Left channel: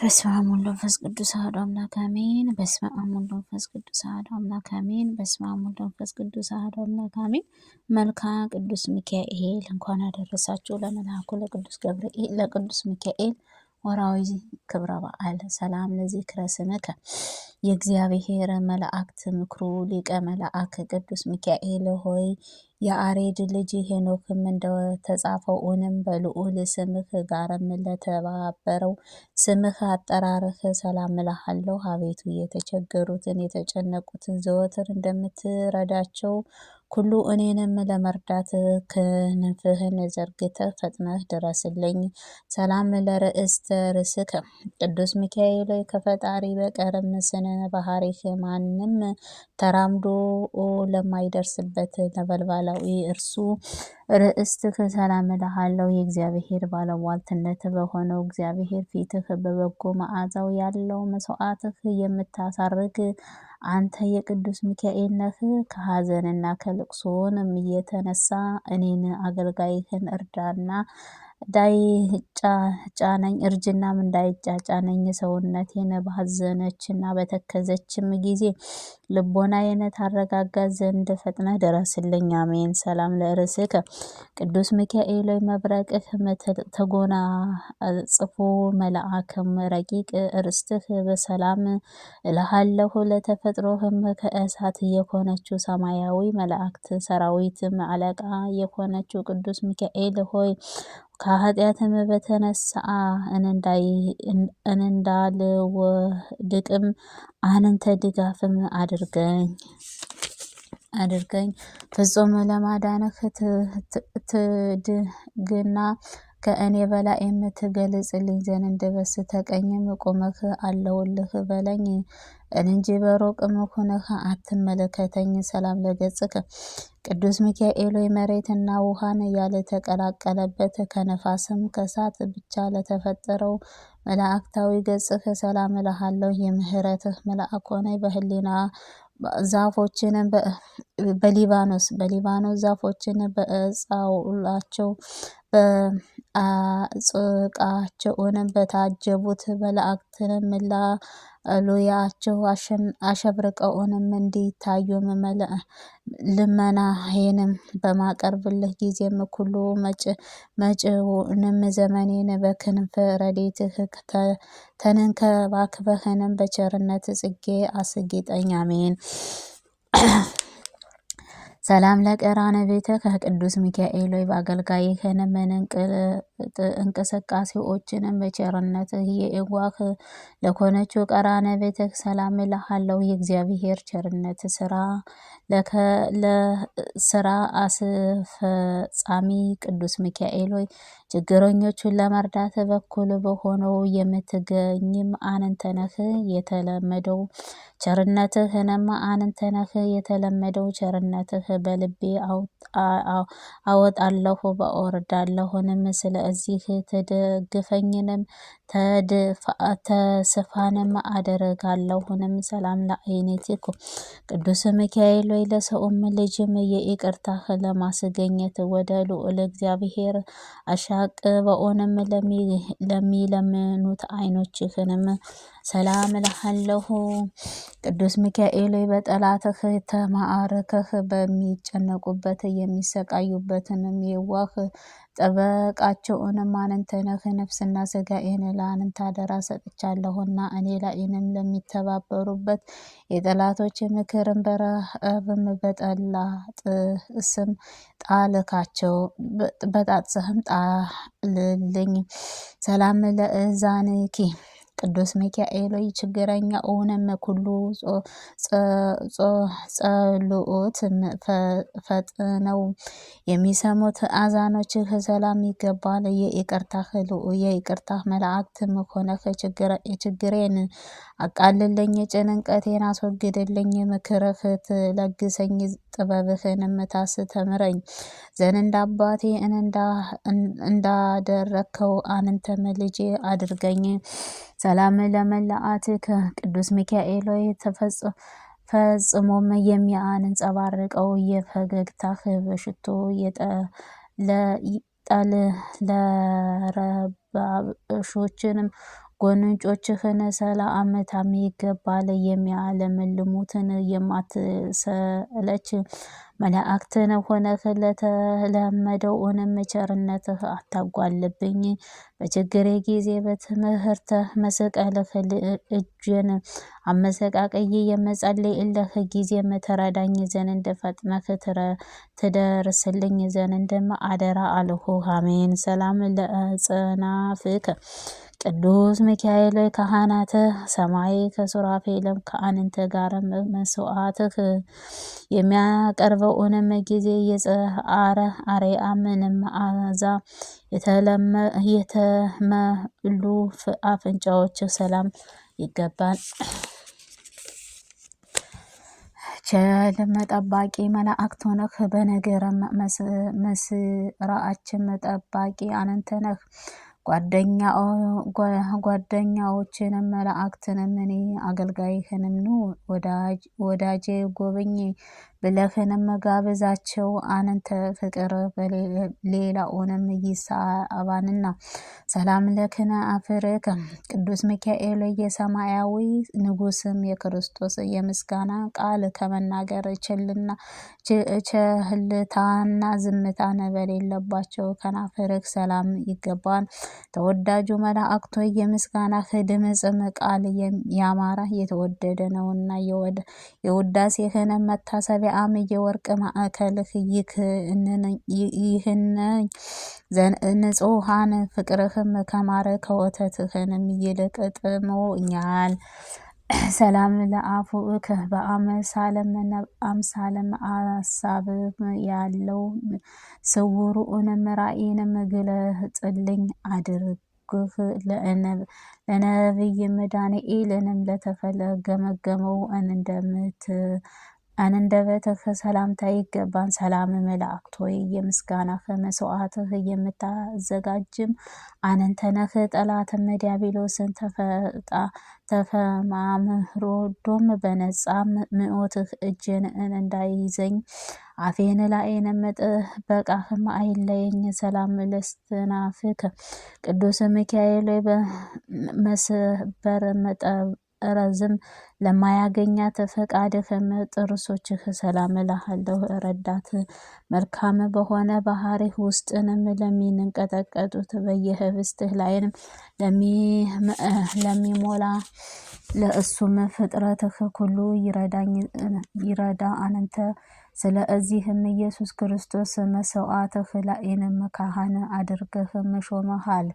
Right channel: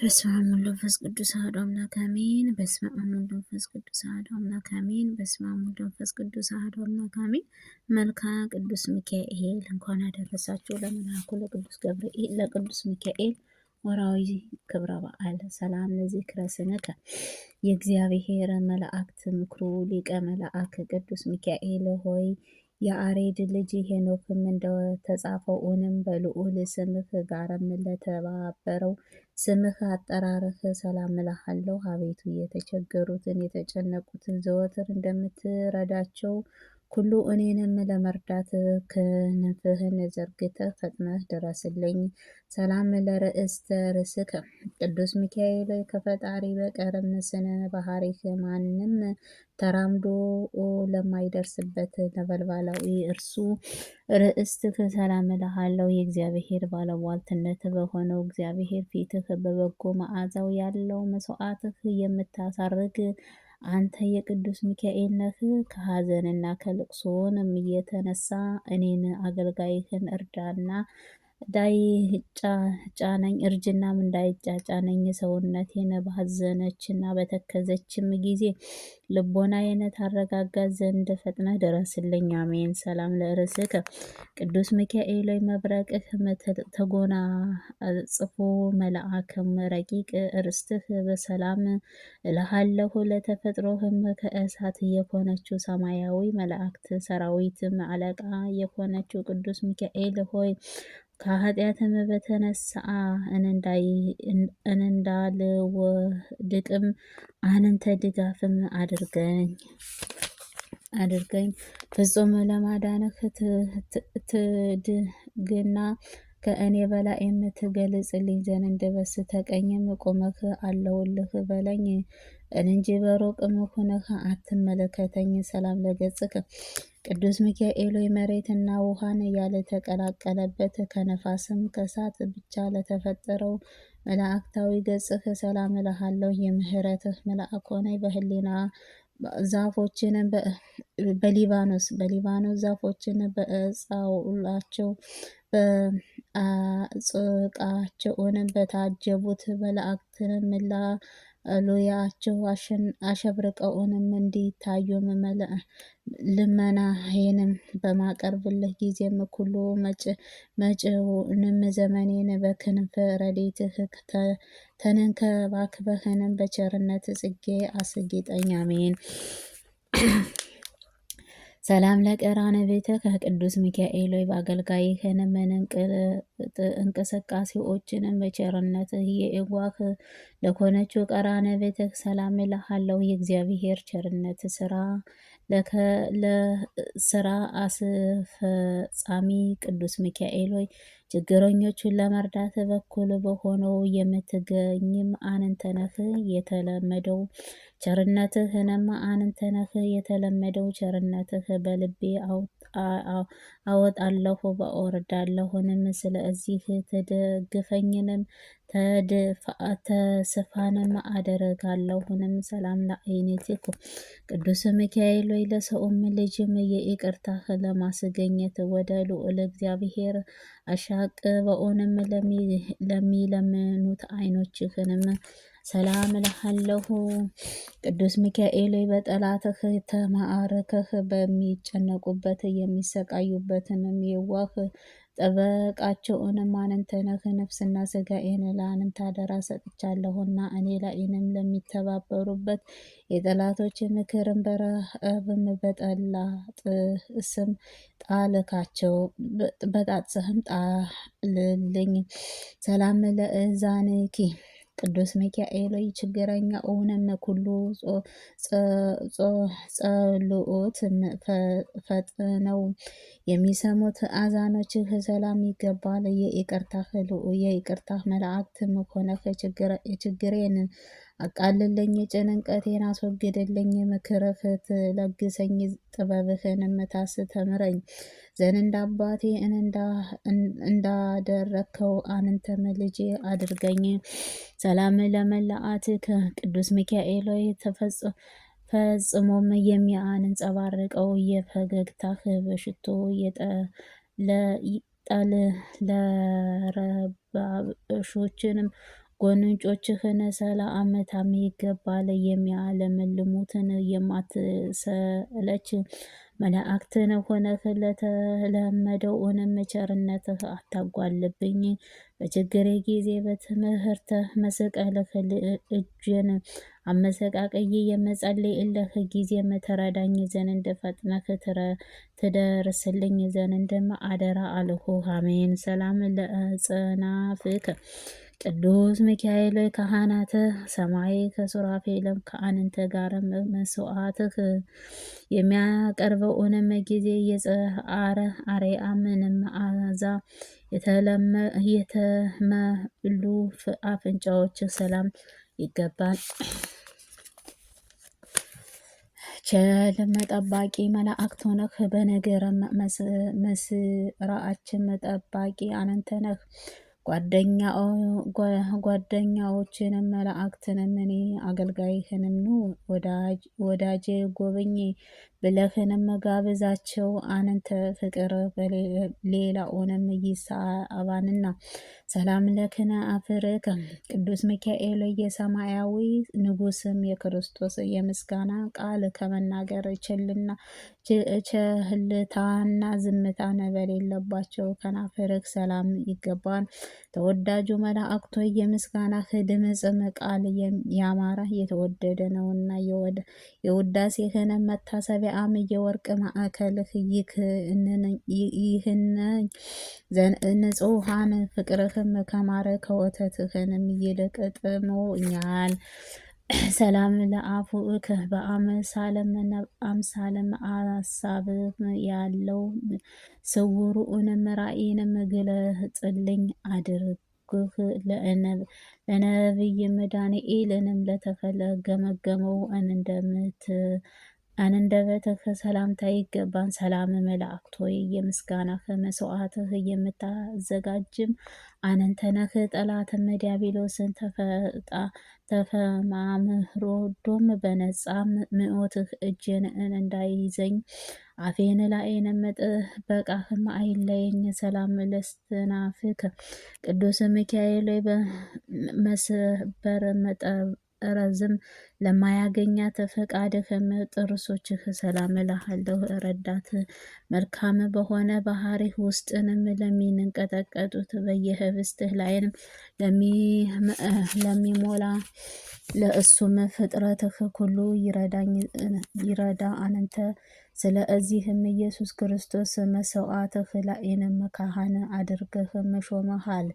በስመ አብ ወወልድ ወመንፈስ ቅዱስ አሐዱ አምላክ አሜን። በስመ አብ ወወልድ ወመንፈስ ቅዱስ አሐዱ አምላክ አሜን። በስመ አብ ወወልድ ወመንፈስ ቅዱስ አሐዱ አምላክ አሜን። መልክአ ቅዱስ ሚካኤል እንኳን አደረሳችሁ ለመልአኩ ለቅዱስ ገብርኤል ለቅዱስ ሚካኤል ወርኃዊ ክብረ በዓል። ሰላም ለዝክረ ስምከ የእግዚአብሔር መላእክት ምክሩ ሊቀ መላእክ ቅዱስ ሚካኤል ሆይ የአሬድ ልጅ ሄኖክም እንደተጻፈው እውንም በልዑል ስምህ ጋርም ለተባበረው ስምህ አጠራርህ ሰላም እልሃለሁ። አቤቱ የተቸገሩትን የተጨነቁትን ዘወትር እንደምትረዳቸው ሁሉ እኔንም ለመርዳት ክንፍህን ዘርግተህ ፈጥነህ ድረስልኝ። ሰላም ለርእስተ ርእስከ ቅዱስ ሚካኤል ከፈጣሪ በቀርም ስነ ባህሪህ ማንም ተራምዶ ለማይደርስበት ነበልባላዊ እርሱ ርእስትህ ሰላም እልሃለሁ። የእግዚአብሔር ባለሟልትነት በሆነው እግዚአብሔር ፊትህ በበጎ መዓዛው ያለው መስዋዕትህ የምታሳርግ አንተ የቅዱስ ሚካኤል ነህ። ከሐዘንና ከልቅሶንም የተነሳ እኔን አገልጋይህን እርዳና እንዳይጫጫነኝ እርጅናም እንዳይጫጫነኝ ሰውነቴን ባዘነችና በተከዘችም ጊዜ ልቦናዬን ታረጋጋ ዘንድ ፈጥነህ ድረስልኝ። አሜን። ሰላም ለርእስከ ቅዱስ ሚካኤል መብረቅህ ተጎናጽፎ መልአክም ረቂቅ ርስትህ በሰላም እልሃለሁ። ለተፈጥሮህም ከእሳት የሆነችው ሰማያዊ መላእክት ሰራዊትም አለቃ የሆነችው ቅዱስ ሚካኤል ሆይ ከኃጢአትም በተነሳ እንዳልወድቅም አንተ ድጋፍም አድርገኝ ፍጹም ለማዳንህ ትድግና ከእኔ በላይ የምትገልጽልኝ ዘንድ በስተቀኝም ቆመህ አለውልህ በለኝ እንጂ በሩቅም ሆነህ አትመለከተኝ። ሰላም ለገጽከ ቅዱስ ሚካኤል መሬትና ውሃን ያልተቀላቀለበት ከነፋስም ከእሳት ብቻ ለተፈጠረው መላእክታዊ ገጽህ ሰላም እልሃለሁ። የምህረትህ መልአክ ሆነህ በህሊና ዛፎችንም በሊባኖስ ዛፎችን በእጻውላቸው በአጽቃቸውንም በታጀቡት መላእክትንም ላሉያቸው አሸብርቀውንም እንዲታዩም ልመናዬንም በማቀርብልህ ጊዜም ኩሉ መጪውንም ዘመኔን በክንፈ ረድኤትህ ተንከባክበህንም በቸርነት ጽጌ አስጌጠኝ። አሜን። ሰላም ለቀራነ ቤተ ከቅዱስ ሚካኤል ሆይ በአገልጋይህንም እንቅስቃሴዎችንም በቸርነትህ የእዋህ ለኮነችው ቀራነ ቤተ ሰላም እልሃለሁ። የእግዚአብሔር ቸርነት ለስራ አስፈጻሚ ቅዱስ ሚካኤል ሆይ ችግረኞቹን ለመርዳት በኩል በሆነው የምትገኝም አንተ ነህ። የተለመደው ቸርነትህንም አንተ ነህ። የተለመደው ቸርነትህ በልቤ አወጣለሁ በወርዳለሁንም ስለዚህ ትደግፈኝንም ተስፋንም አደርጋለሁንም። ሰላም ለዓይንቲኩ ቅዱስ ሚካኤል ወይ ለሰውም ልጅም የይቅርታህ ለማስገኘት ወደ ልዑል እግዚአብሔር አሻቅበውንም ለሚለምኑት ዓይኖችህንም ሰላም እልሃለሁ። ቅዱስ ሚካኤል በጠላትህ ተማርከህ በሚጨነቁበት የሚሰቃዩበትንም የዋህ ጠበቃቸውንም አንተ ነህ። ነፍስና ሥጋዬን ለአንተ አደራ ሰጥቻለሁና እኔ ላይንም ለሚተባበሩበት የጠላቶች ምክርን በረሃብም በጠላጥስም ጣልካቸው በጣጥስህም ጣልልኝ። ሰላም ለእዛንኪ ቅዱስ ሚካኤል ችግረኛውንም ኩሉ ጸሎት ፈጥነው የሚሰሙት አዛኖችህ ሰላም ይገባል። የይቅርታህ መላእክትም ሆነህ ችግሬን አቃልልኝ፣ ጭንቀቴን አስወግድልኝ። ምክርህ ትለግሰኝ ጥበብህንም ታስተምረኝ ዘንድ አባቴ እንዳደረግከው አንተም ልጄ አድርገኝ። ሰላም ለመላእክትከ ቅዱስ ሚካኤል ሆይ ፈጽሞም የሚያንጸባርቀው የፈገግታህ በሽቶ ለረባሾችንም ጎንጮችህን ሰላምታም ይገባል። የሚያለመልሙትን የማትሰለች መላእክትን ሆነህ ለተለመደውንም ቸርነትህ አታጓልብኝ። በችግሬ ጊዜ በትምህርትህ መስቀልህ እጄን አመሰቃቅዬ የምጸልይልህ ጊዜም ትረዳኝ ዘንድ ፈጥነህ ትደርስልኝ ዘንድ አደራ አልሁህ። አሜን። ሰላም ለአጽናፍከ ቅዱስ ሚካኤል ካህናተ ሰማይ ከሱራፌልም ከአንተ ጋር መስዋዕትህ የሚያቀርበውንም ጊዜ የጸአረ አርያምንም መዓዛ የተመሉ አፍንጫዎች ሰላም ይገባል። ቸልም ጠባቂ መላእክት ሆነህ በነገረ መስራአችም ጠባቂ አንተ ነህ። ጓደኛዎችንም መላእክትንም እኔ አገልጋይህንም ኑ ወዳጄ ጎብኝ ብለህንም ጋብዛቸው። አንተ ፍቅር ሌላውንም ይሳባንና። ሰላም ለክነ አፍርከ ቅዱስ ሚካኤል የሰማያዊ ንጉስም የክርስቶስ የምስጋና ቃል ከመናገር ቸልታና ዝምታን በሌለባቸው ከናፍርህ ሰላም ይገባል። ተወዳጁ መላእክቶ የምስጋናህ ድምጽም ቃል ያማረ የተወደደ ነውና የውዳሴህን መታሰቢያም የወርቅ ማዕከልህ ይህን ንጹሃን ፍቅርህም ከማረ ከወተትህንም ይልቅ ጥሞኛል። ሰላም ለአፉእከ በአምሳለም አሳብ ያለው ስውሩንም ራእይንም ግለጽልኝ አድርግህ። ለነቢይም ዳንኤልንም ለተገመገመው አንደበትህ ሰላምታ ይገባን። ሰላም መላእክት ሆይ የምስጋናህ መስዋዕትህ የምታዘጋጅም አንተ ነህ። ጠላትም ዲያብሎስን ተፈማምሮዶም በነጻ ምዖትህ እጄን እንዳይዘኝ አፌን ላይንም ጥበቃህም አይለየኝ። ሰላም ለስትናፍከ ቅዱስ ሚካኤል በመስበር መጠረዝም ለማያገኛት ፈቃድህም ጥርሶችህ ሰላም እልሃለሁ። ረዳት መልካም በሆነ ባህሪህ ውስጥንም ለሚንቀጠቀጡት በየህብስትህ ላይንም ለሚሞላ ለእሱም ፍጥረትህ ሁሉ ይረዳ አንተ። ስለዚህም ኢየሱስ ክርስቶስ መስዋዕትህ ላይንም ካህን አድርገህ ሾመሃል።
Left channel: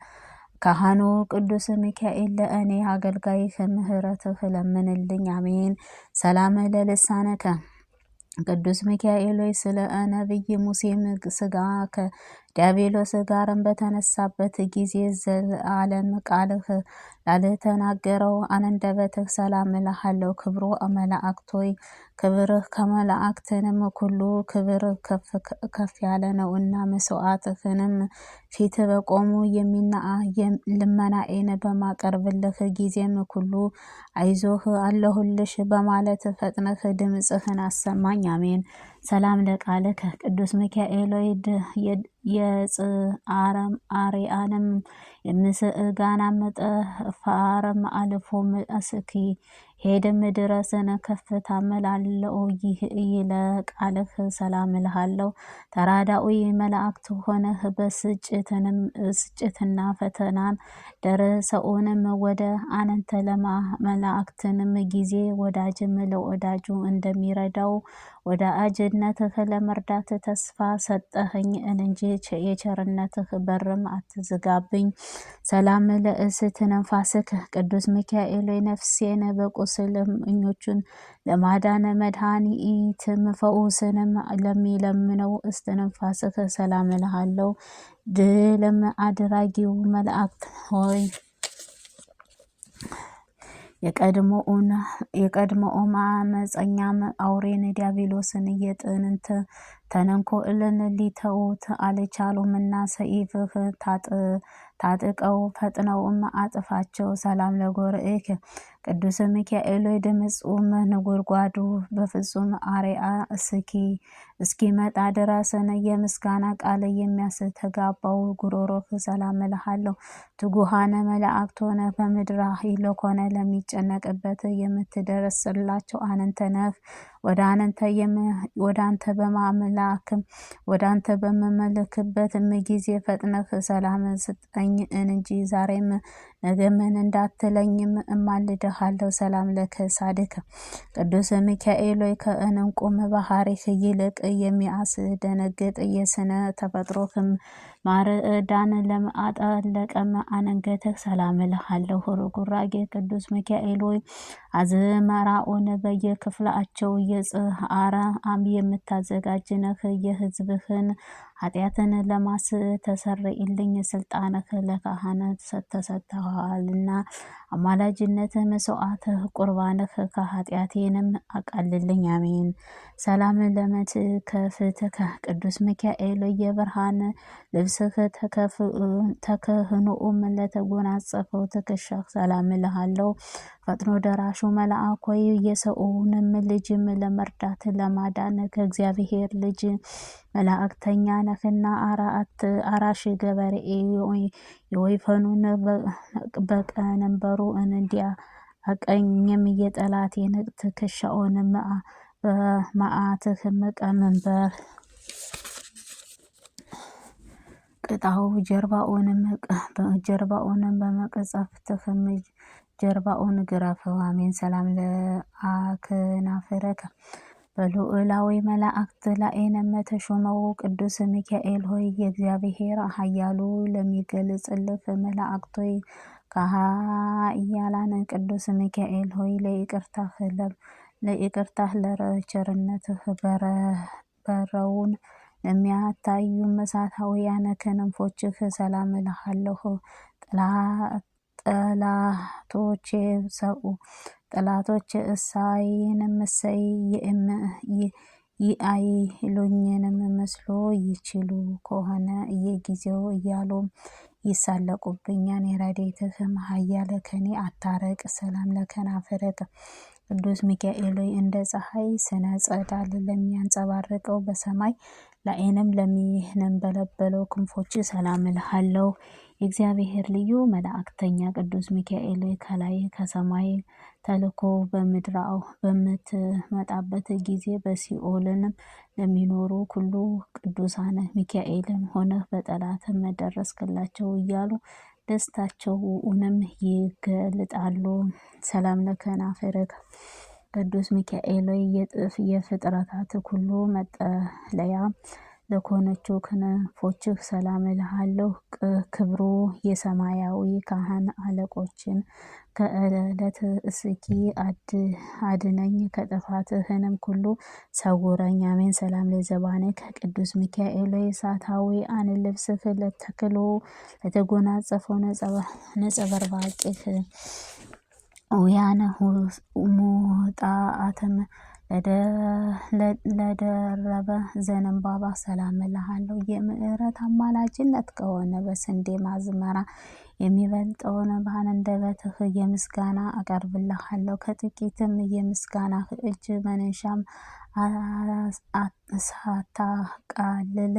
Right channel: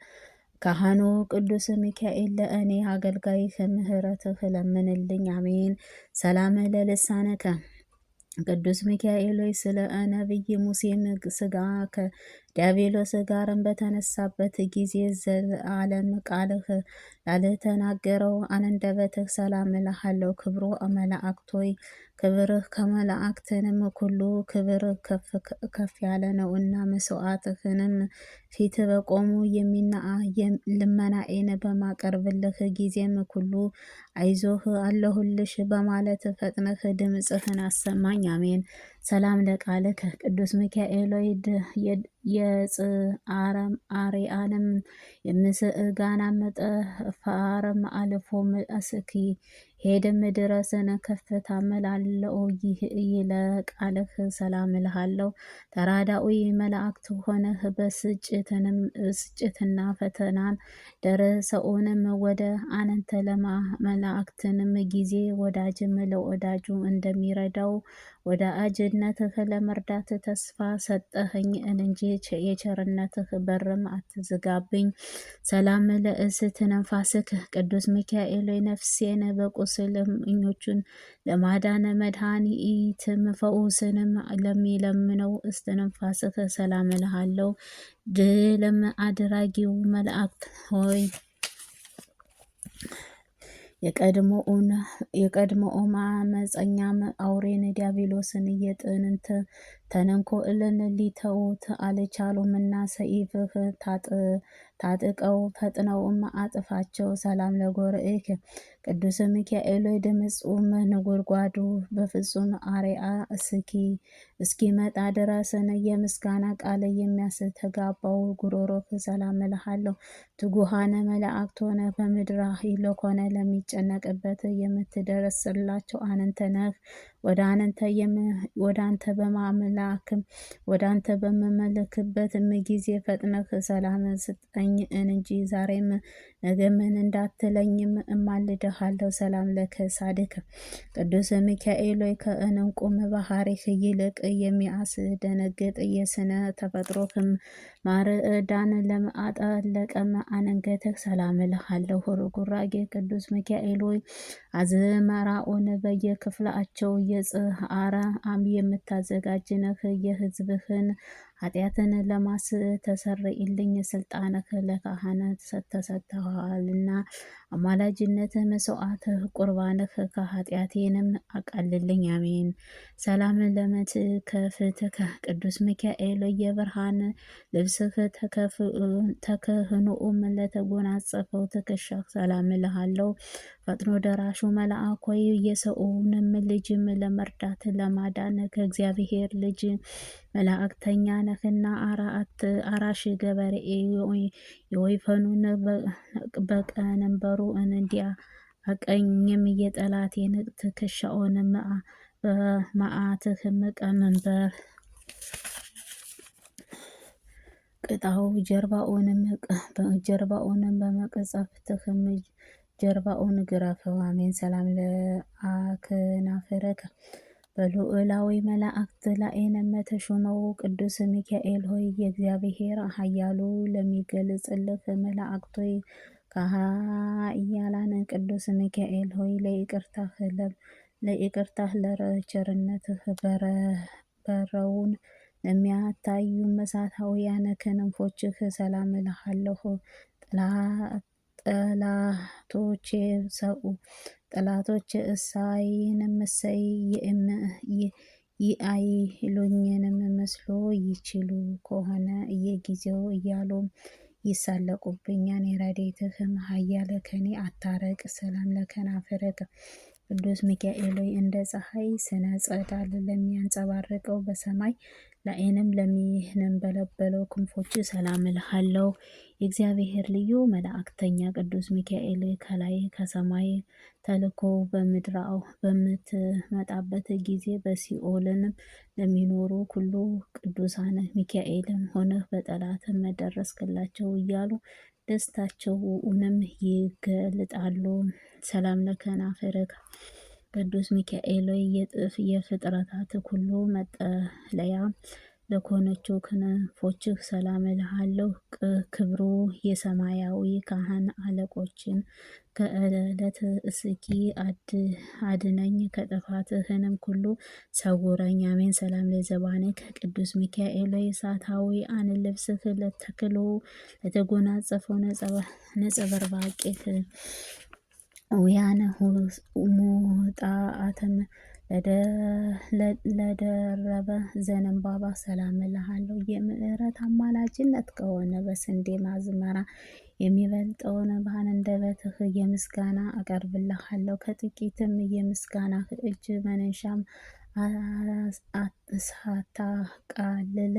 ካህኑ ቅዱስ ሚካኤል ለእኔ አገልጋይህ ምህረትህ ለምንልኝ። አሜን። ሰላም ለልሳነከ ቅዱስ ሚካኤል ሆይ ስለ ነቢይ ሙሴም ስጋ ከዲያብሎስ ጋርም በተነሳበት ጊዜ ዘላለም ቃልህ ላልተናገረው አንደበትህ ሰላም እልሃለሁ። ክብሩ መላእክት ሆይ ክብርህ ከመላእክትንም ሁሉ ክብር ከፍ ያለ ነውና መስዋዕትህንም ፊት በቆሙ ልመናዬን በማቀርብልህ ጊዜም ሁሉ አይዞህ አለሁልሽ በማለት ፈጥነህ ድምጽህን አሰማኝ። አሜን። ሰላም ለቃልከ ቅዱስ ሚካኤል የጽአረም አርያንም የምስጋናም ጠፋርም አልፎም እስኪ ሄድም ድረስን ከፍታ መላለው ይለቃልህ ሰላም እልሃለሁ። ተራዳዊ መላእክት ሆነህ ብስጭትና ፈተናን ደረሰውንም ወደ አንተ መላእክትንም ጊዜ ወዳጅም ለወዳጁ እንደሚረዳው ወዳጅነትህ ለመርዳት ተስፋ ሰጠኸኝ እንጂ የቸርነትህ በርም አትዝጋብኝ። ሰላም ለእስትንፋስከ ቅዱስ ሚካኤል ነፍሴን በቁስለኞቹን ለማዳን መድኃኒትም ፈውስንም ለሚለምነው እስትንፋስህ ሰላም እልሃለሁ። ድልም አድራጊው መልአክ ሆይ የቀድሞው አመፀኛም አውሬን ዲያብሎስን የጥንት ተንኮልን ሊተውት አልቻሉምና ሰይፍህ ታጥቀው ፈጥነውም አጥፋቸው። ሰላም ለጎርኤከ ቅዱስ ሚካኤል ሆይ ድምፁም ነጎድጓዱ በፍጹም አርያ እስኪመጣ ድረስን የምስጋና ቃል የሚያስተጋባው ጉሮሮህ ሰላም እልሃለሁ። ትጉሃነ መላእክት ሆነ በምድር ለኮነ ለሚጨነቅበት የምትደርስላቸው አንተ ነህ። ወደ አንተ በማምላክም ወደ አንተ በመመለክበትም ጊዜ ፈጥነህ ሰላም ስጠኝ እንጂ ዛሬም ነገምን እንዳትለኝም እማልድሃለሁ። ሰላም ለከሳድከ ቅዱስ ሚካኤል ሆይ ከእንቁም ባህሪህ ይልቅ የሚያስደነግጥ የስነ ተፈጥሮህም ማርዳን ለማጠለቀም አንገትህ ሰላም እልሃለሁ። ርጉራጌ ቅዱስ ሚካኤል ሆይ አዝመራውን በየክፍላቸው የጽአረ አም የምታዘጋጅ ነህ። የሕዝብህን ኃጢአትን ለማስተሰርይልኝ ስልጣንህ ለካህናት ተሰጥተዋልና አማላጅነትህ መስዋዕትህ ቁርባንህ ከኃጢአቴንም አቃልልኝ። አሜን። ሰላም ለመትከፍትከ ቅዱስ ሚካኤል የብርሃን ልብስህ ተክህኖም ለተጎናጸፈው ትከሻህ ሰላም እልሃለሁ። ፈጥኖ ደራሹ መልአክ ሆይ የሰውንም ልጅም ለመርዳት ለማዳን ከእግዚአብሔር ልጅ መላእክተኛ ነህና አራሽ ገበሬ የወይፈኑን በቀንበሩ እንዲያ አቀኝም የጠላቴን ትከሻውን በመዓትህም ቀንበር ቅጣው። ጀርባውንም በመቀጸፍትህም ጀርባውን ግረፈው። አሜን። ሰላም ለአክናፍረከ በልዑላዊ መላእክት ላይንም ተሾመው ቅዱስ ሚካኤል ሆይ የእግዚአብሔር ኃያሉ ለሚገልጽልህ መላእክት ሆይ ከኃያላን ቅዱስ ሚካኤል ሆይ ለይቅርታህ ለቸርነትህ በረውን ለሚያታዩ እሳታውያን ክንፎችህ ሰላም እልሃለሁ። ጠላቶቼ እሳይንም እሰይ አይሉኝንም መስሎ ይችሉ ከሆነ እየጊዜው እያሉም ይሳለቁብኛል። የረድኤትህም ኃያል ከኔ አታርቅ። ሰላም ለከናፍርከ ቅዱስ ሚካኤል ሆይ እንደ ፀሐይ ስነ ጸዳል ለሚያንጸባርቀው በሰማይ ላይንም ለሚነበለበለው ክንፎች ሰላም እልሃለሁ። የእግዚአብሔር ልዩ መላእክተኛ ቅዱስ ሚካኤል ከላይ ከሰማይ ተልኮ በምድራው በምትመጣበት ጊዜ በሲኦልንም ለሚኖሩ ሁሉ ቅዱሳን ሚካኤልም ሆነህ በጠላትም ደረስክላቸው እያሉ ደስታቸውንም ይገልጣሉ። ሰላም ለከናፍርከ ቅዱስ ሚካኤል የፍጥረታት ሁሉ መጠለያ ለኮነችው ክንፎችህ ሰላም እልሃለሁ። ክብሩ የሰማያዊ ካህን አለቆችን ከዕለት እስኪ አድነኝ ከጥፋትህንም ሁሉ ሰውረኝ። አሜን። ሰላም ለዘባንከ ቅዱስ ሚካኤል እሳታዊ አን ልብስህ ለተክሎ ለተጎናጸፈው ነጸበርባቂህ ውያነ ሙጣአተም ለደረበ ዘንባባ ሰላም እልሃለሁ። የምሕረት አማላጅነት ከሆነ በስንዴ ማዝመራ የሚበልጠውን በአንደበትህ የምስጋና አቀርብልሃለሁ። ከጥቂትም የምስጋናህ እጅ መንሻም ሳታቃልል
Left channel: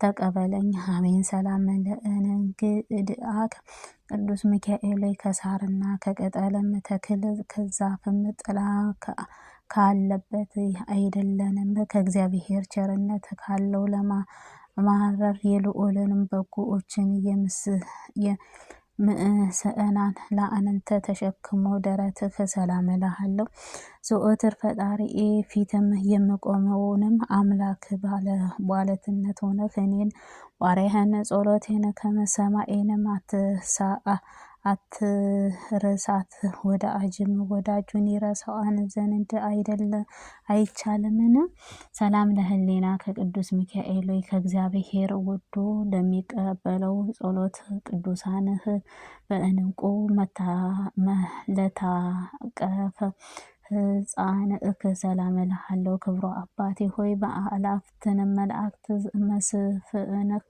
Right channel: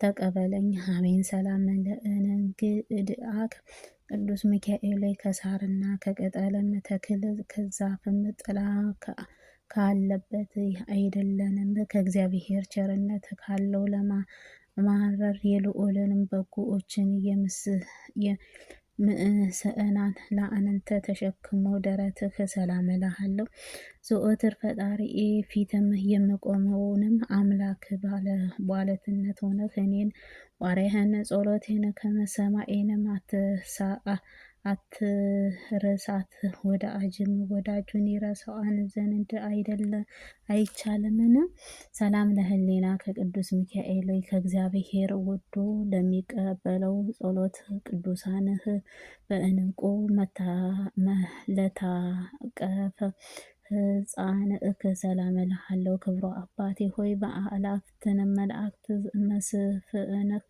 ተቀበለኝ። አሜን። ሰላም ለእንግድአከ ቅዱስ ሚካኤል ከሳርና ከቅጠልም ተክል ከዛፍም ጥላ ካለበት አይደለንም ከእግዚአብሔር ቸርነት ካለው ለማማረር የልዑልንም በጎዎችን ምእሰናን ለአንተ ተሸክሞ ደረትህ ሰላም እልሃለሁ። ዘወትር ፈጣሪዬ ፊትም የምቆመውንም አምላክ ባለትነት ሆነህ እኔን ባሪያህን ጸሎቴን ከመሰማኤንም አትርሳት። ወዳጅም ወዳጁን ይረሳዋን ዘንድ አይቻልምን? ሰላም ለህሊና ከቅዱስ ሚካኤል ከእግዚአብሔር ወዶ ለሚቀበለው ጸሎት ቅዱሳንህ በእንቁ ለታቀፈ ሕፃንእክ ሰላም እልሃለሁ። ክብሮ አባቴ ሆይ በአእላፍትን መላእክት መስፍንህ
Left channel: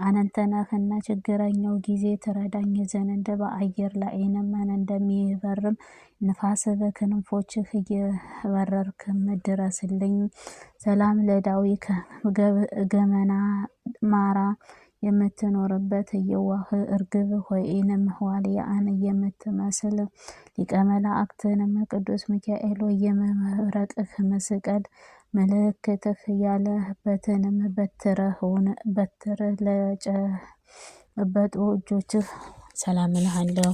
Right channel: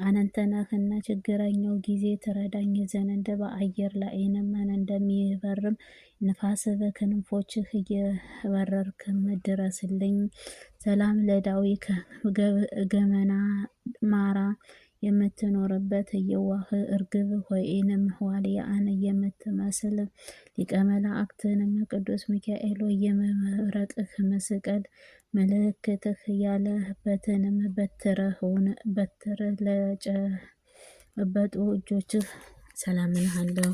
አንተ ነህና ችግረኛው ጊዜ ትረዳኝ ዘንድ በአየር ላይንም እንደሚበርም ንፋስ በክንፎችህ እየበረርክም ድረስልኝ። ሰላም ለዳዊት ገመና ማራ የምትኖርበት የዋህ እርግብ ሆይንም ዋልያን የምትመስል ሊቀ መላእክትንም ቅዱስ ሚካኤል ሆይ የመብረቅህ መስቀል ምልክትህ ያለበትንም በትር ለጨበጡ እጆችህ ሰላም እልሃለሁ።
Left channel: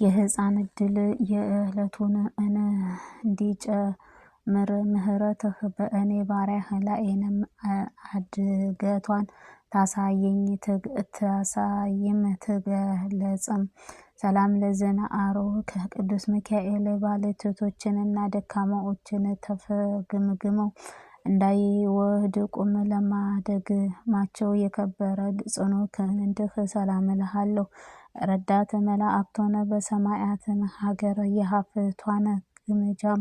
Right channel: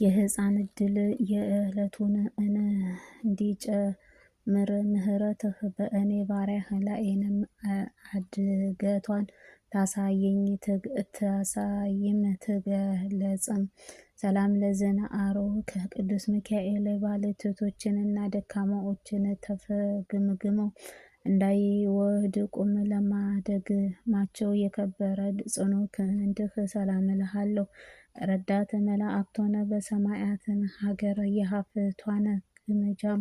የሕፃን ዕድል የዕለቱን እንዲጨምር ምሕረትህ በእኔ ባሪያህ ላይንም አድገቷን ታሳይም ትገለጽም። ሰላም ለዘነአሮ ከቅዱስ ሚካኤል ባለቴቶችንና ደካማዎችን ተፍገምግመው እንዳይወድቁም ለማደግማቸው የከበረ ጽኑ ክንድህ ሰላም እልሃለሁ። ረዳት መላእክት ሆነ በሰማያትን ሀገር የሀፍቷን ግምጃም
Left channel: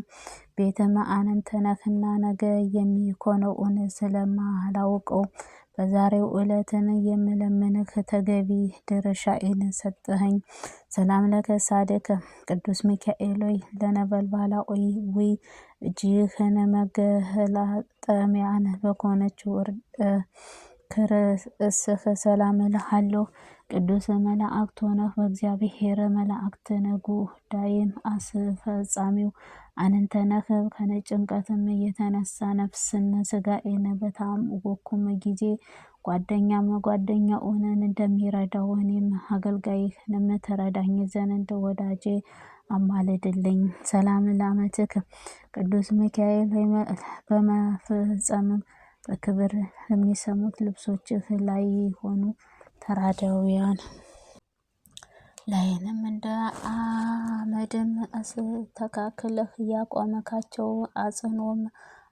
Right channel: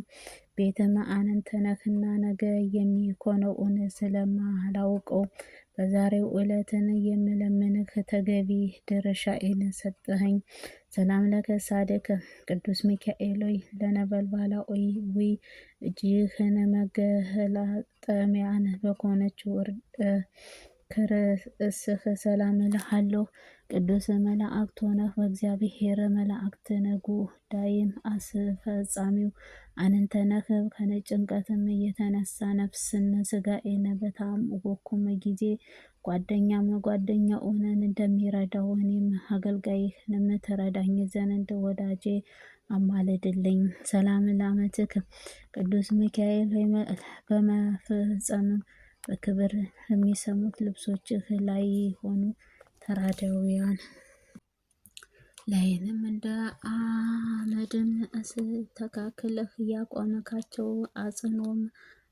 ቤተ መአንንተ ነህና ነገ የሚኮነውን ስለማላውቀው በዛሬው ዕለትን የምለምንህ ተገቢ ድርሻዬን ሰጠኸኝ። ሰላም ለከሳድከ ቅዱስ ሚካኤል ሆይ ለነበልባላዊ እጅህን መገላጠሚያን በኮነችው ክርስህ ሰላም እልሃለሁ። ቅዱስ መላእክት ሆነህ በእግዚአብሔር መላእክት ጉዳይም አስፈጻሚው አንተ ነህ። ከጭንቀትም የተነሳ ነፍስን ስጋዬን በታወኩም ጊዜ ጓደኛውን እንደሚረዳው እኔም አገልጋይህንም ትረዳኝ ዘንድ ወዳጄ አማልድልኝ። ሰላም ለአመትክ ቅዱስ ሚካኤል ሆይ በመፍጸምም በክብር የሚሰሙት ልብሶችህ ላይ ሆኑ ተራዳውያን ላይንም እንደ አመድም አስተካክለህ ያቆመካቸው አጽኖም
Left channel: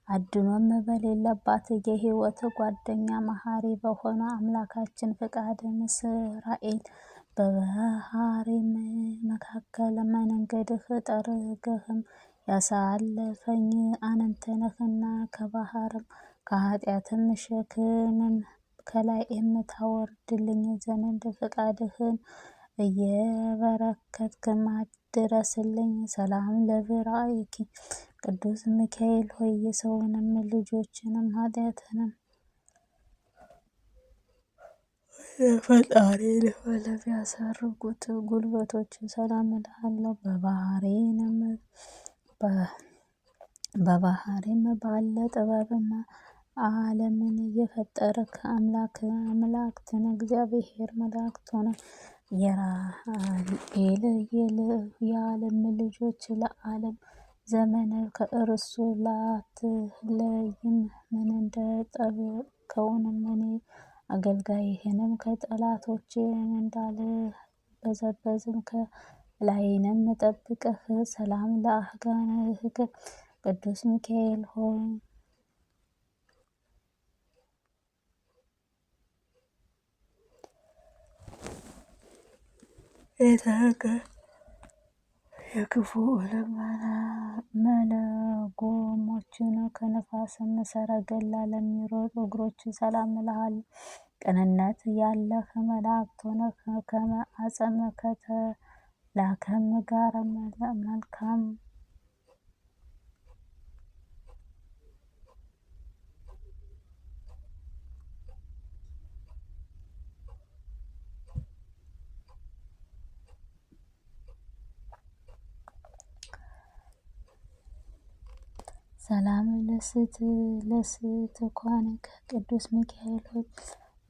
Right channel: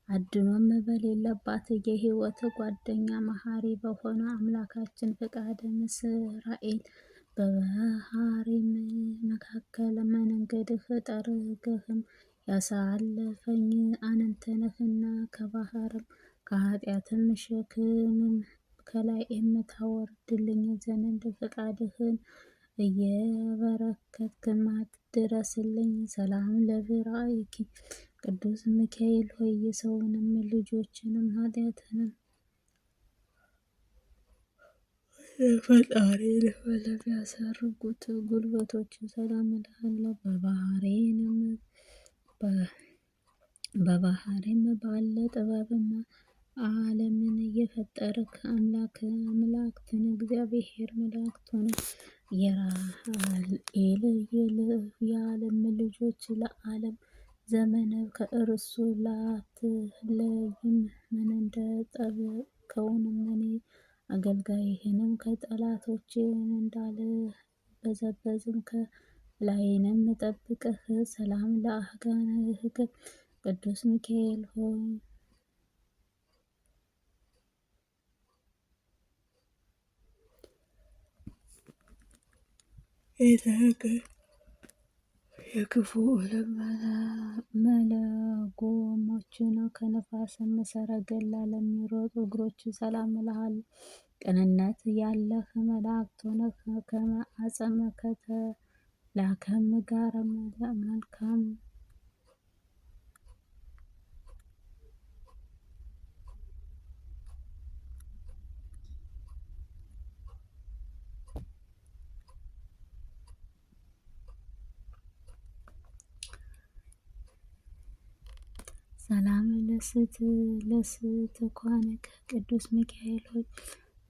አድኖም በሌለባት የሕይወት ጓደኛ መሐሪ በሆነ አምላካችን ፍቃድ እስራኤል በባህሬም መካከል መንገድህ ጠርገህም ያሳለፈኝ አንተ ነህና ከባህርም ከኃጢአትም ሸክምም ከላይ የምታወርድልኝ ዘንድ ፍቃድህን እየበረከትክም አድረስልኝ። ሰላም ለብራይኪ ቅዱስ ሚካኤል ሆይ የሰውንም ልጆችንም ኃጢአትንም የፈጣሪ ለሚያሳርጉት ጉልበቶች ሰላም እልሃለሁ። በባህሬም ባለ ጥበብም ዓለምን የፈጠርክ አምላክትን እግዚአብሔር መላእክት ሆነ የዓለም ልጆች ለዓለም ዘመን ከእርሱ ላትለይም ምን እንደጠበቀውንም እኔ አገልጋይህንም ከጠላቶቼ እንዳልበዘበዝም ከላይንም ጠብቀህ። ሰላም ለአህጋንህ ቅዱስ ሚካኤል ሆይ የክፉ መለጎሞችን ከነፋስም ሰረገላ ለሚሮጡ እግሮች ሰላም እልሃለሁ። ቅንነት ያለህ መላእክት ሆነህ ከመዓፀም ከተላከም ጋር መልካም ሰላም ለስትኳን ከቅዱስ ሚካኤል ሆይ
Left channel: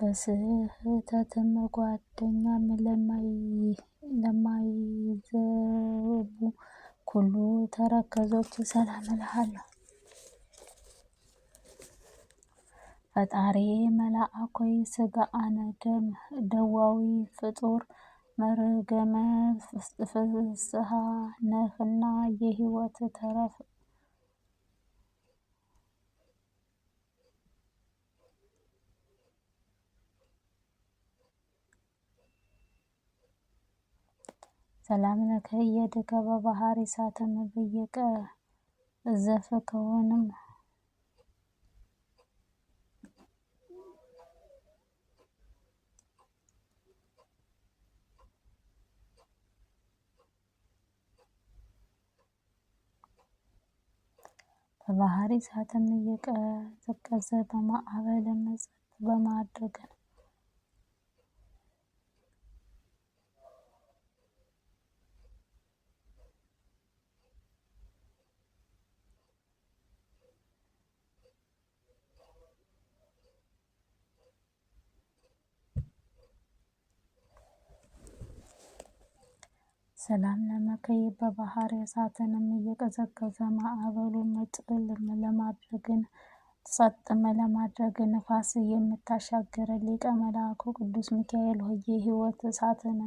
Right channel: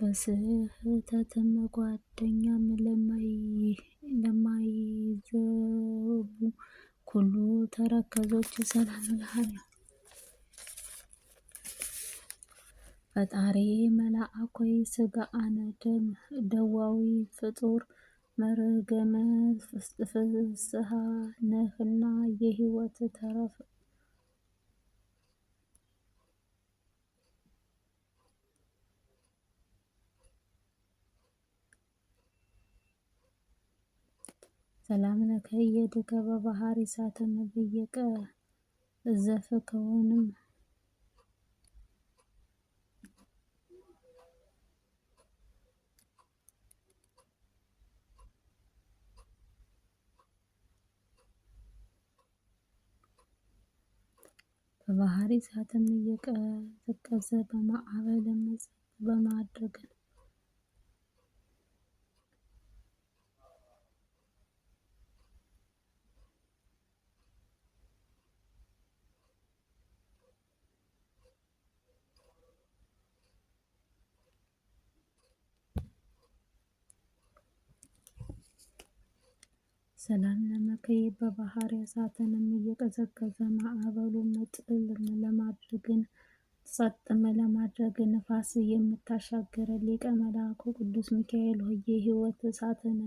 በስህተትም ጓደኛም ለማይዘቡ ኩሉ ተረከዞች ሰላም እልሃለሁ። ፈጣሪ መልአክ ሆይ ሥጋአነ ደዋዊ ፍጡር መርገመ ፍስሐ ነህና የሕይወት ተረፈ ሰላም ለከ እየድከ በባህር እሳትም ብየቀ ዘፍከውንም በባህር እሳትም እየቀዘቀዘ በማዕበልም ጸጥ በማድረግ ሰላም ለመከይ በባህር እሳትንም እየቀዘቀዘ ማዕበሉን ጥልም ለማድረግን ጸጥም ለማድረግ ነፋስ የምታሻገር ሊቀ መላኩ ቅዱስ ሚካኤል ሆይ የሕይወት እሳትን